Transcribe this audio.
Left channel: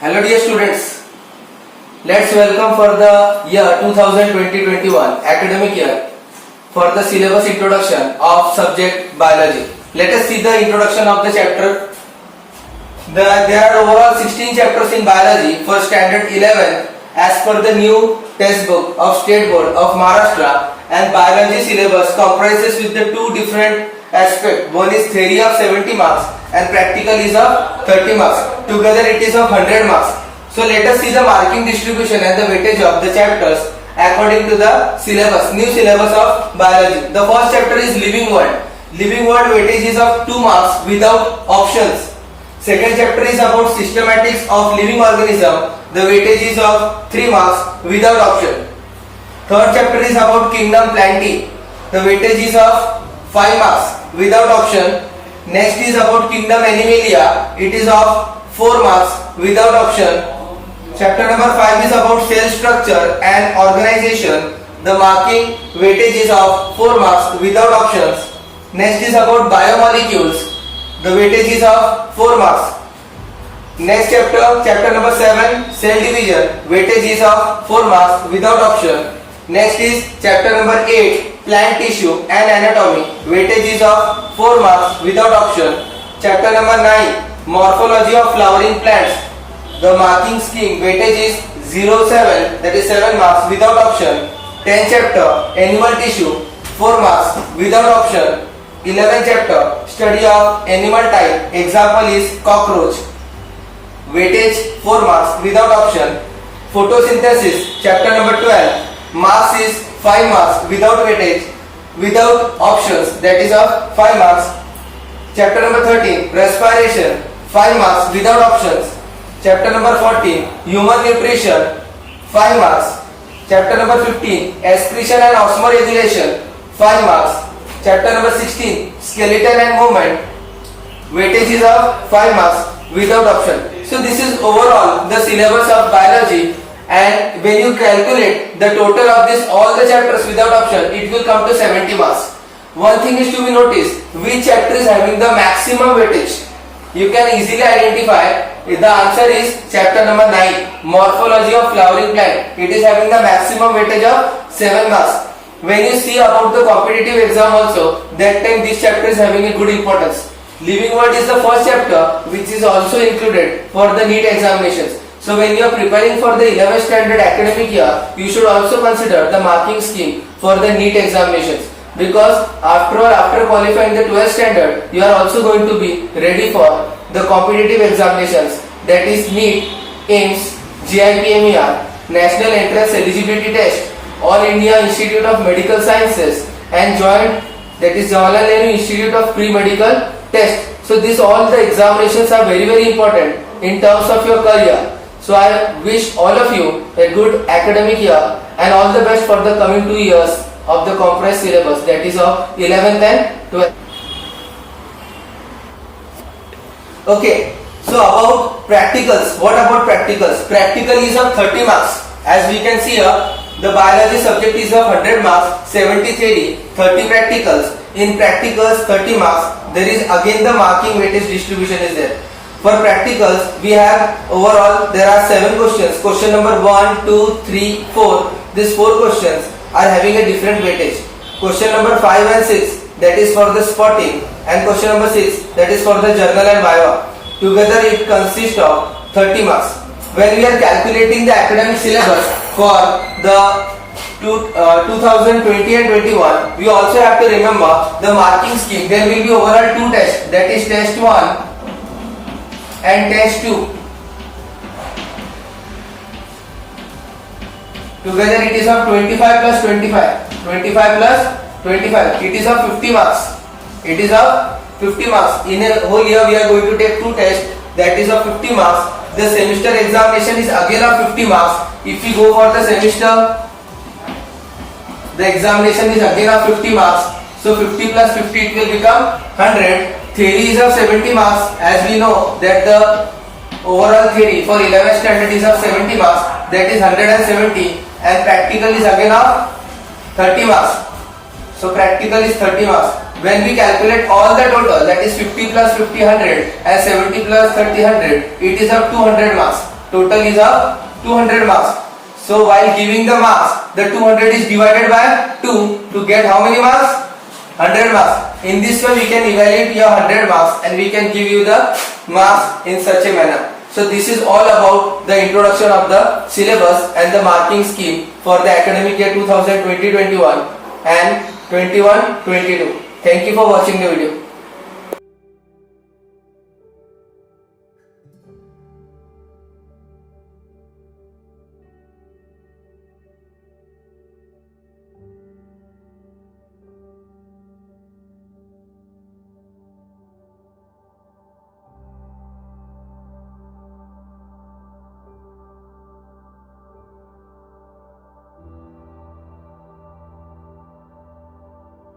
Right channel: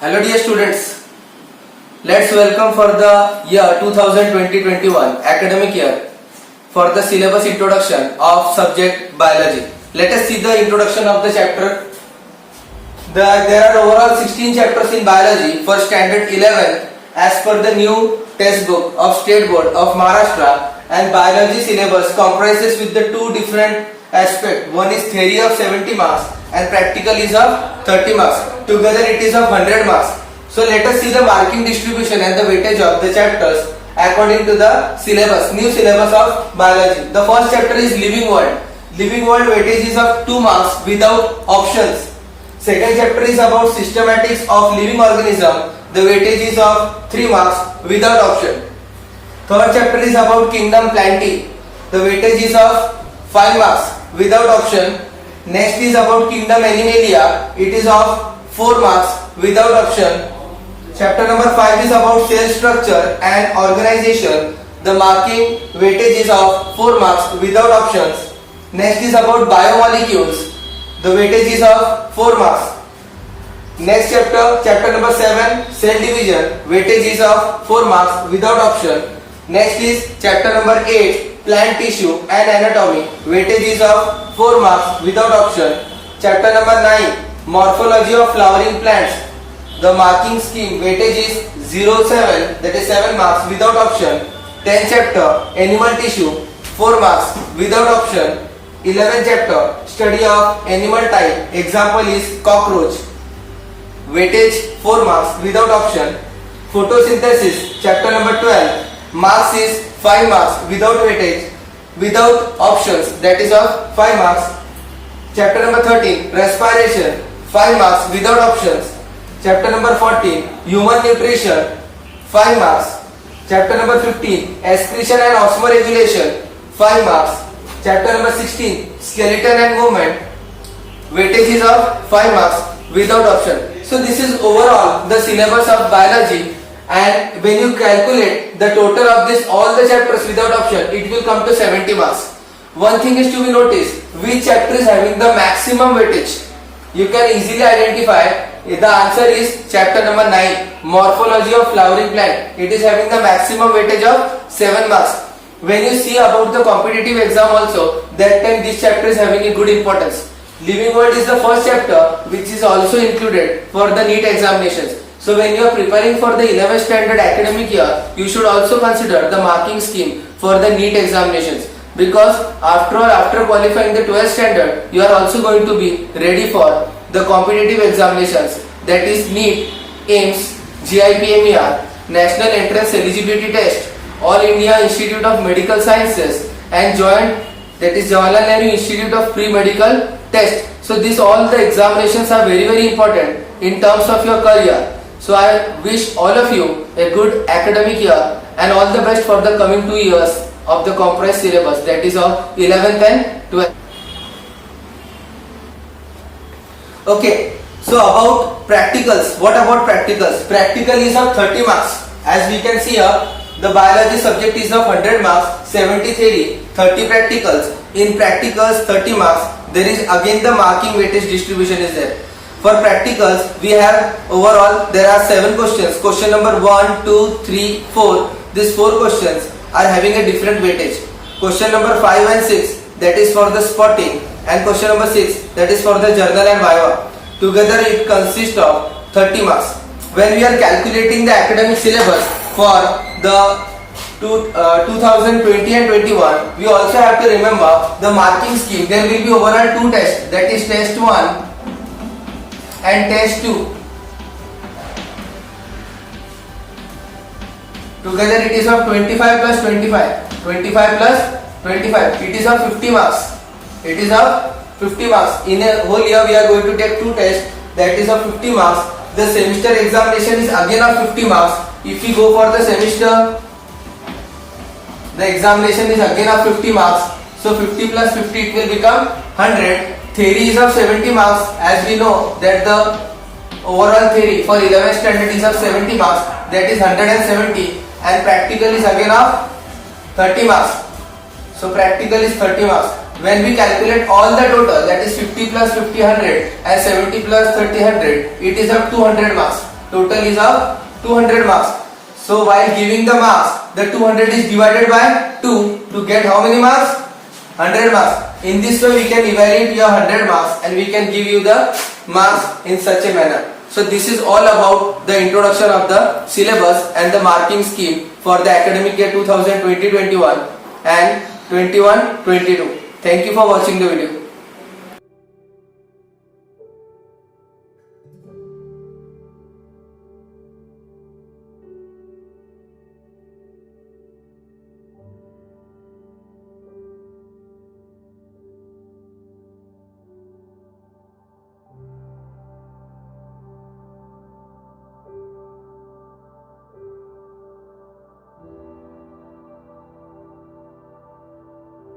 Hello dear students, let's welcome for the year 2020-21 academic year for the syllabus introduction of subject biology. Let us see the introduction of the chapter. There are overall 16 chapters in biology for standard 11 as per the new textbook of State Board of Maharashtra, and biology syllabus comprises with the two different aspects. One is theory of 70 marks and practical is of 30 marks. Together it is of 100 marks. So let us see the marking distribution and the weightage of the chapters according to the syllabus, new syllabus of biology. The first chapter is living world. Living world weightage is of 2 marks without options. Second chapter is about systematics of living organism. The weightage is of 3 marks without option. Third chapter is about kingdom plantae. The weightage is of 5 marks without option. Next is about kingdom animalia. It is of 4 marks without option. Chapter number 5 is about cell structure and organization. The marking weightage is of 4 marks without options. Next is about biomolecules. The weightage is of 4 marks. Next chapter number 7, cell division. Weightage is of 4 marks without option. Next is chapter number 8, plant tissue and anatomy. Weightage is of 4 marks without option. Chapter number 9, morphology of flowering plants. The marking scheme weightage is 07, that is 7 marks without option. 10th chapter, animal tissue, 4 marks without option. 11th chapter, study of animal type. Example is cockroach. Weightage 4 marks without option. Photosynthesis, chapter number 12. Marks is 5 marks without weightage, without options, that is of 5 marks. Chapter number 13, respiration, 5 marks without options. Chapter number 14, human nutrition, 5 marks. Chapter number 15, excretion and osmoregulation, 5 marks. Chapter number 16, skeleton and movement, weightage is of 5 marks without option. So this is overall the syllabus of biology, and when you calculate the total of this all the chapters without option, it will come to 70 marks. One thing is to be noticed, which chapter is having the maximum weightage. You can easily identify. The answer is chapter number 9, morphology of flowering plant. It is having the maximum weightage of 7 marks. When you see about the competitive exam also, that time this chapter is having a good importance. Living world is the first chapter which is also included for the NEET examinations. So when you are preparing for the 11th standard academic year, you should also consider the marking scheme for the NEET examinations, because after all, after qualifying the 12th standard, you are also going to be ready for the competitive examinations, that is NEET, AIIMS, JIPMER, National Entrance Eligibility Test, All India Institute of Medical Sciences, and joint, that is Jawaharlal Nehru Institute of Pre-Medical Test. So these all the examinations are very important in terms of your career. So I wish all of you a good academic year and all the best for the coming 2 years of the compressed syllabus, that is of 11th and 12th. Okay, so about practicals. What about practicals? Practical is of 30 marks. As we can see here, the biology subject is of 100 marks, 70 theory, 30 practicals. In practicals 30 marks, there is again the marking weightage distribution is there. For practicals, we have overall there are 7 questions. Question number 1, 2, 3, 4. These 4 questions are having a different weightage. Question number 5 and 6, that is for the spotting, and question number 6, that is for the journal and viva. Together it consists of 30 marks. When we are calculating the academic syllabus for the 2020 and 21, we also have to remember the marking scheme. There will be overall 2 tests, that is test 1 and test 2. Together it is of 25 plus 25. 25 plus 25. It is of 50 marks. It is of 50 marks. In a whole year we are going to take 2 tests, that is of 50 marks. The semester examination is again of 50 marks. If we go for the semester, the examination is again of 50 marks. So 50 plus 50 it will become 100. Theory is of 70 marks. As we know that the overall theory for 11th standard is of 70 marks, that is 170, and practical is again of 30 marks. So practical is 30 marks. When we calculate all the total, that is 50 plus 50 100 and 70 plus 30 100, it is of 200 marks. Total is of 200 marks. So while giving the marks, the 200 is divided by 2 to get how many marks? 100 marks. In this way we can evaluate your 100 marks and we can give you the marks in such a manner. So this is all about the introduction of the syllabus and the marking scheme for the academic year 2020-21 and 21-22. Thank you for watching the video.